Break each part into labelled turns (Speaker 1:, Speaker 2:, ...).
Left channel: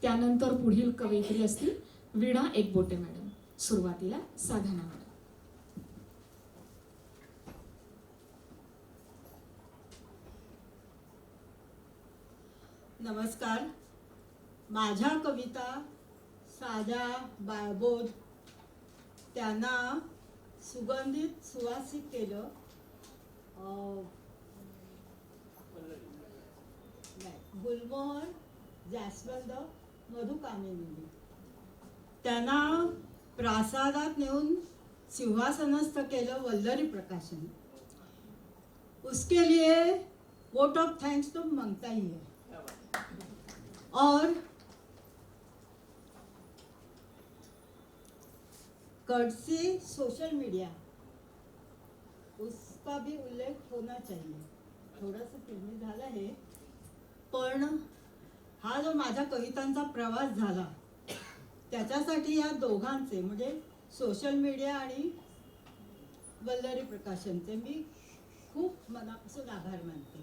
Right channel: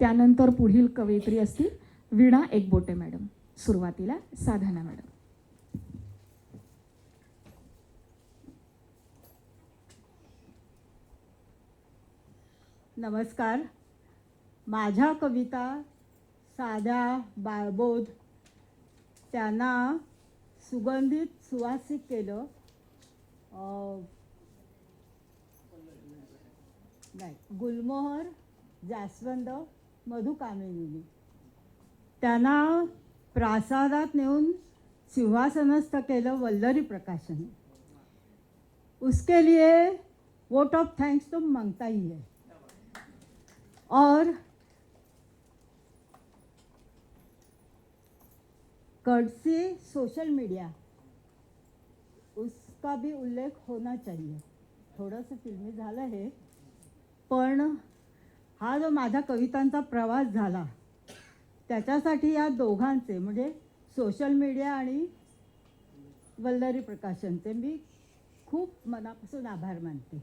Speaker 1: त्यानंतर पुढील कवयित्री असतील वीणा एकबोटे मॅडम. सुरुवातीला साधना मॅडम.
Speaker 2: नमस्कार. माझ्या कविता साध्या बाळबोध. त्यांना सुगंधित सुवासिक केलं. नाही गुलमोहर जास्वंद. मधुकामिनी. त्यांना प्रासादात नेऊन सिंहासनस्थ केलं वल्लरी प्रकाशन. उसके लिए वोट ऑफ थैंक्स तो मांगता ही है. और कर्टसी सोशल मीडिया उसका भी उल्लेख होना चाहिए. थोडंसं फिल्मी झालं आहे पण हा जो माझा कवितांचा प्रवास झाला त्याच्यासाठी या दोघांचे म्हणजे सोशल मीडिया आणि वल्लरी प्रकाशनचे मी खूप मनापासून आभार मानते.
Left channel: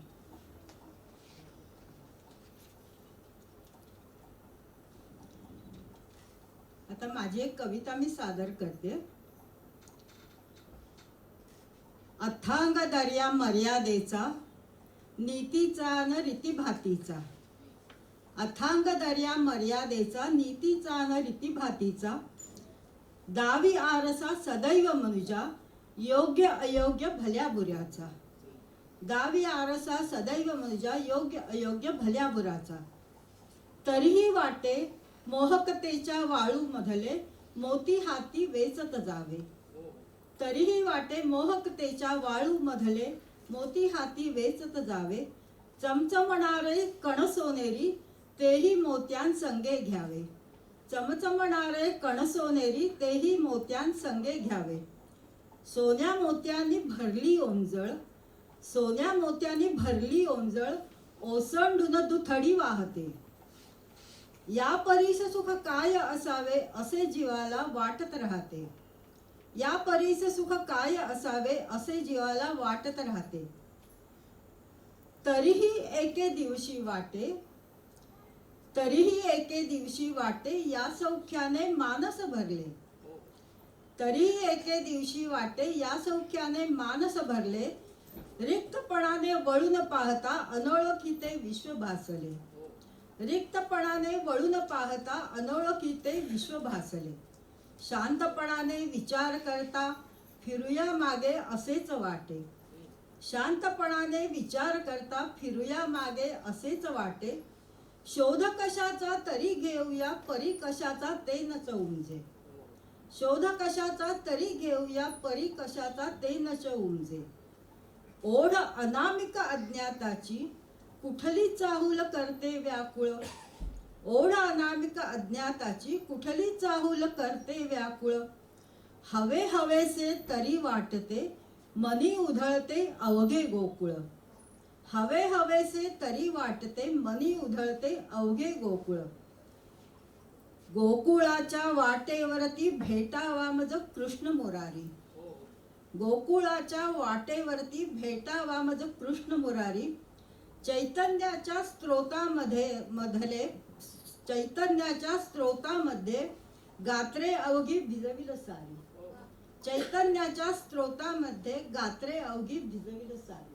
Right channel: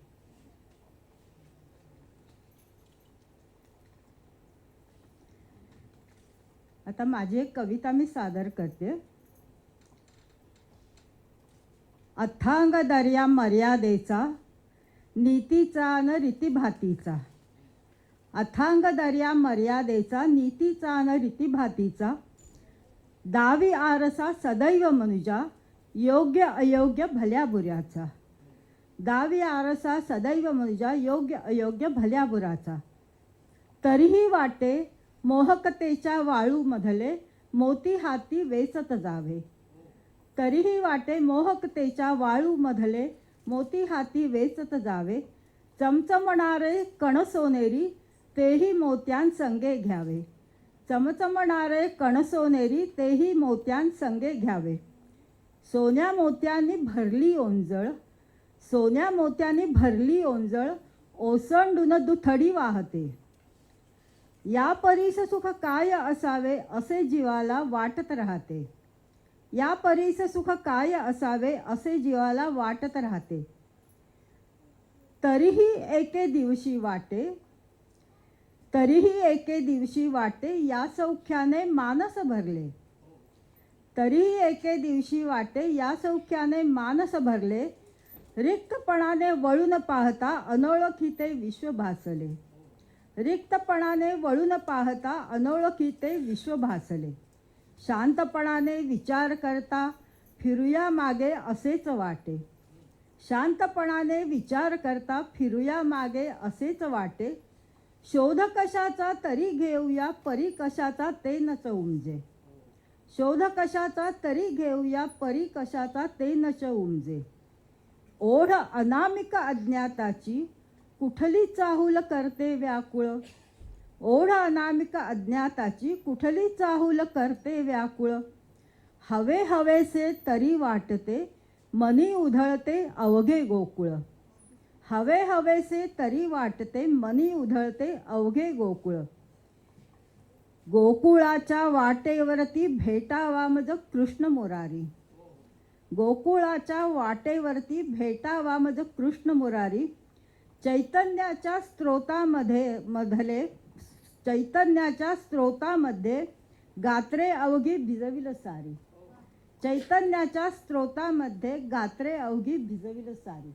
Speaker 2: आता माझी एक कविता मी सादर करते. अथांग दर्या मर्यादेचा नीतीचा न रीतीभातीचा. अथांग दर्या मर्यादेचा नीतीचा न रीतीभातीचा दावी आरसा सदैव मनुजा योग्य अयोग्य भल्या बुऱ्याचा. दावी आरसा सदैव मनुजा योग्य अयोग्य भल्या बुराचा तरीही वाटे मोहकतेच्या वाळूमधले मोती हाती वेचत जावे. तरीही वाटे मोहकतेच्या वाळूमधले मोती हाती वेचत जावे. चमचमणारे कणसोनेरी तेही मोत्यां संगे घ्यावे. चमचमणारे कणसोनेरी तेही मोत्यां संगे घ्यावे. सोन्या मोत्यांनी भरली ओंजळ सोन्या मोत्यांनी भरली ओंजळ ओसंडून दुथडी वाहते. या परीस सुख काय असावे असे जीवाला वाटत राहते. या परीस सुख काय असावे असे जीवाला वाटत राहते. तरीही एके दिवशी वाटे तरीही एके दिवशी वाटे या सौख्याने मानस भरले. तरीही एके दिवशी वाटे या सौख्याने मानस भरले. रिक्तपणाने वळून पाहता अनोळखीते विश्व भासले. रिक्तपणाने वळून पाहता अनोळखीते विश्व भासले. शांतपणाने विचार करता फिरूया मागे असेच वाटे. शांतपणाने विचार करता फिरूया मागे असेच वाटे. शोध कशाचा तरी घेऊया परी कशाचा ते न उमजे शोध कशाचा तरी घेऊया परी कशाचा ते न उमजे ओढ अनामिक अज्ञाताची कुठली चाहूल करते व्याकुळ? ओढ अनामिक अज्ञाताची कुठली चाहूल करते व्याकुळ? हवे हवेसे तरी वाटते मनी उधळते अवघे गोकुळ. हवे हवेसे तरी वाटते मनी उधळते अवघे गोकुळ. गोकुळाच्या वाटेवरती भेटावा मज कृष्ण मुरारी. गोकुळाच्या वाटेवरती भेटावा मज कृष्ण मुरारी. चैतन्याच्या स्त्रोतामध्ये मधले चैतन्याच्या स्त्रोतामध्ये गात्रे अवघी भिजविल सारी. चैतन्याच्या स्त्रोतामध्ये गात्रे अवघी भिजविल सारी.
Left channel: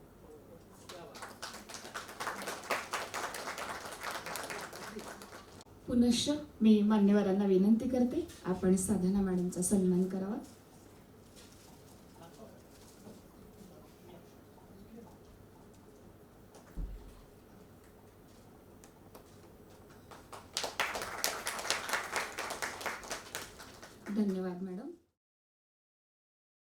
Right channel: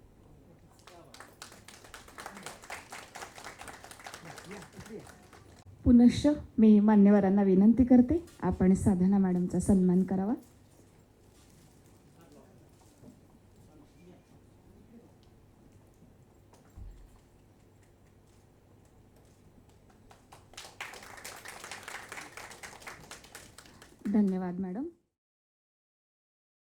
Speaker 1: पुनश्च मी मान्यवरांना विनंती करते आपण साधना मॅडमचा सन्मान करावा. धन्यवाद मॅडम.